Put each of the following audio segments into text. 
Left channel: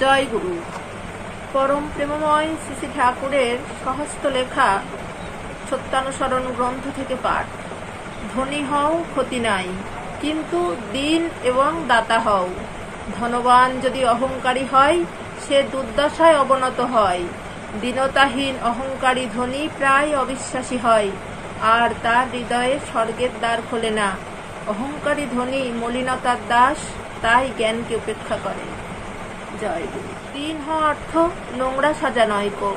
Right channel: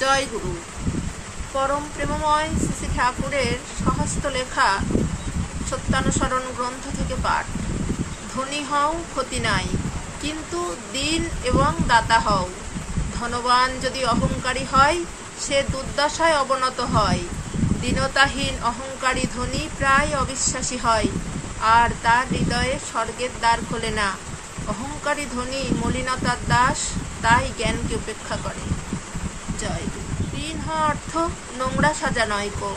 জয় গুরু। পরম প্রেমময় শ্রী শ্রী ঠাকুরের সহস্ত লেখা সত্যানুসরণ গ্রন্থ থেকে পাঠ। ধনী হও ক্ষতি নাই, কিন্তু দিন এবং দাতা হও। ধনবান যদি অহংকারী হয়, সে দুর্দশায় অবনত হয়। দীনতাহীন অহংকারী ধনী প্রায় অবিশ্বাসী হয়, আর তার হৃদয়ে স্বর্গের দ্বার খোলে না। অহংকারী ধনী মলিনতার দাস, তাই জ্ঞানকে উপেক্ষা করে। জয় গুরু। ঋণ হওয়া অর্থ নোংরা সাজা নয়কো,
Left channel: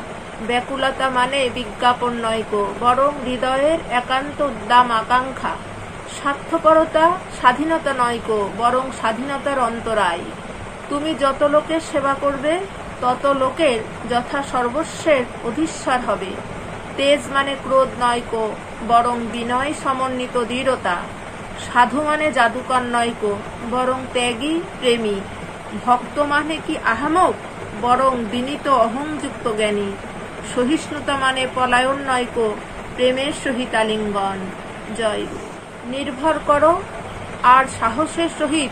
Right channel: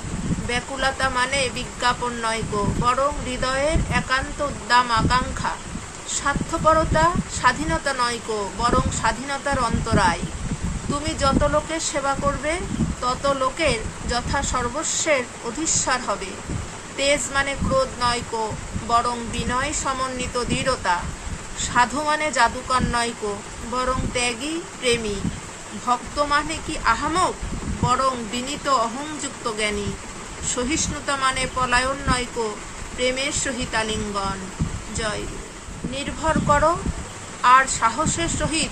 ব্যাকুলতা মানে বিজ্ঞাপন নয়কো, বরং হৃদয়ের একান্ত উদ্দাম আকাঙ্ক্ষা। স্বার্থপরতা স্বাধীনতা নয়কো, বরং স্বাধীনতার অন্তরায়। তুমি যত লোকের সেবা করবে, তত লোকের যথা সর্বস্বের অধীশ্বর হবে। তেজ মানে ক্রোধ নয়কো, বরং বিনয় সমন্বিত দৃঢ়তা। সাধু মানে জাদুকর নয়কো, বরং ত্যাগী প্রেমী। ভক্ত মানে কি আহামক, বরং বিনীত অহংযুক্ত জ্ঞানী। সহিষ্ণুতা মানে পলায়ন নয়কো, প্রেমের সহিত আলিঙ্গন। জয় গুরু। নির্ভর করো আর সাহসের সহিত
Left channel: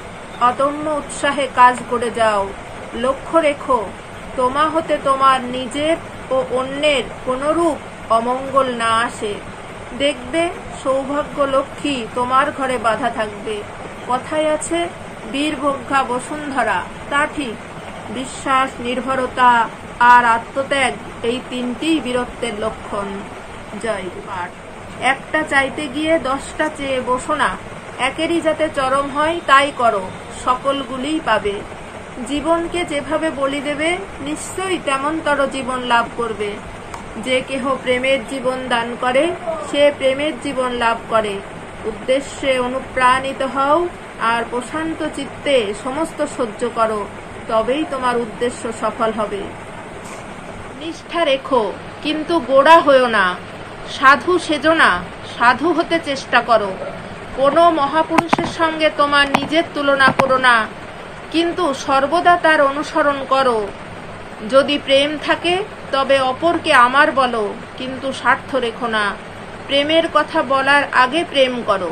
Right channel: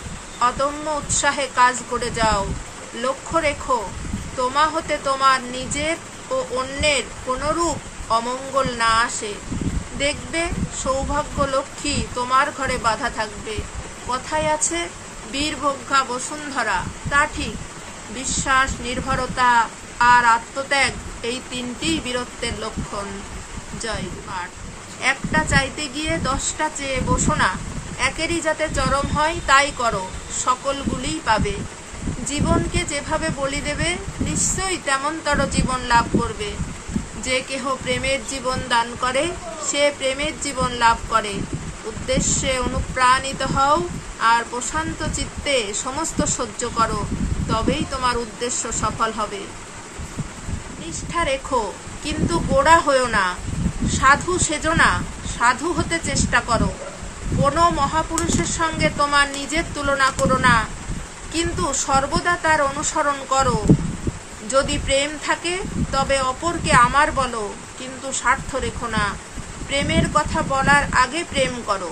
অদম্য উৎসাহে কাজ করে যাও। লক্ষ্য রেখো তোমা হতে তোমার নিজের ও অন্যের কোনরূপ অমঙ্গল না আসে। দেখবে সৌভাগ্য লক্ষ্মী তোমার ঘরে বাধা থাকবে। কথায় আছে বীরভোগ্যা বসুন্ধরা, তা ঠিক। বিশ্বাস, নির্ভরতা আর আত্মত্যাগ, এই তিনটিই বীরত্বের লক্ষণ। জয় পাঠ। একটা চাইতে গিয়ে 10টা চেয়ে বসো না, একেরই যাতে চরম হয় তাই করো, সকলগুলিই পাবে। জীবনকে যেভাবে বলি দেবে, নিশ্চয়ই তেমনতর জীবন লাভ করবে। যে কেহ প্রেমের জীবন দান করে, সে প্রেমের জীবন লাভ করে। উদ্দেশ্যে অনুপ্রাণিত হও আর প্রশান্ত চিত্তে সমস্ত সহ্য করো, তবেই তোমার উদ্দেশ্য সফল হবে। নিষ্ঠা রেখো, কিন্তু গোড়া হয়ো না। সাধু সেজো না, সাধু হতে চেষ্টা করো। কোনো মহাপুরুষের সঙ্গে তোমার নিজের তুলনা করো না, কিন্তু সর্বদা তার অনুসরণ করো। যদি প্রেম থাকে, তবে অপরকে আমার বলো, কিন্তু স্বার্থ রেখো না। প্রেমের কথা বলার আগে প্রেম করো।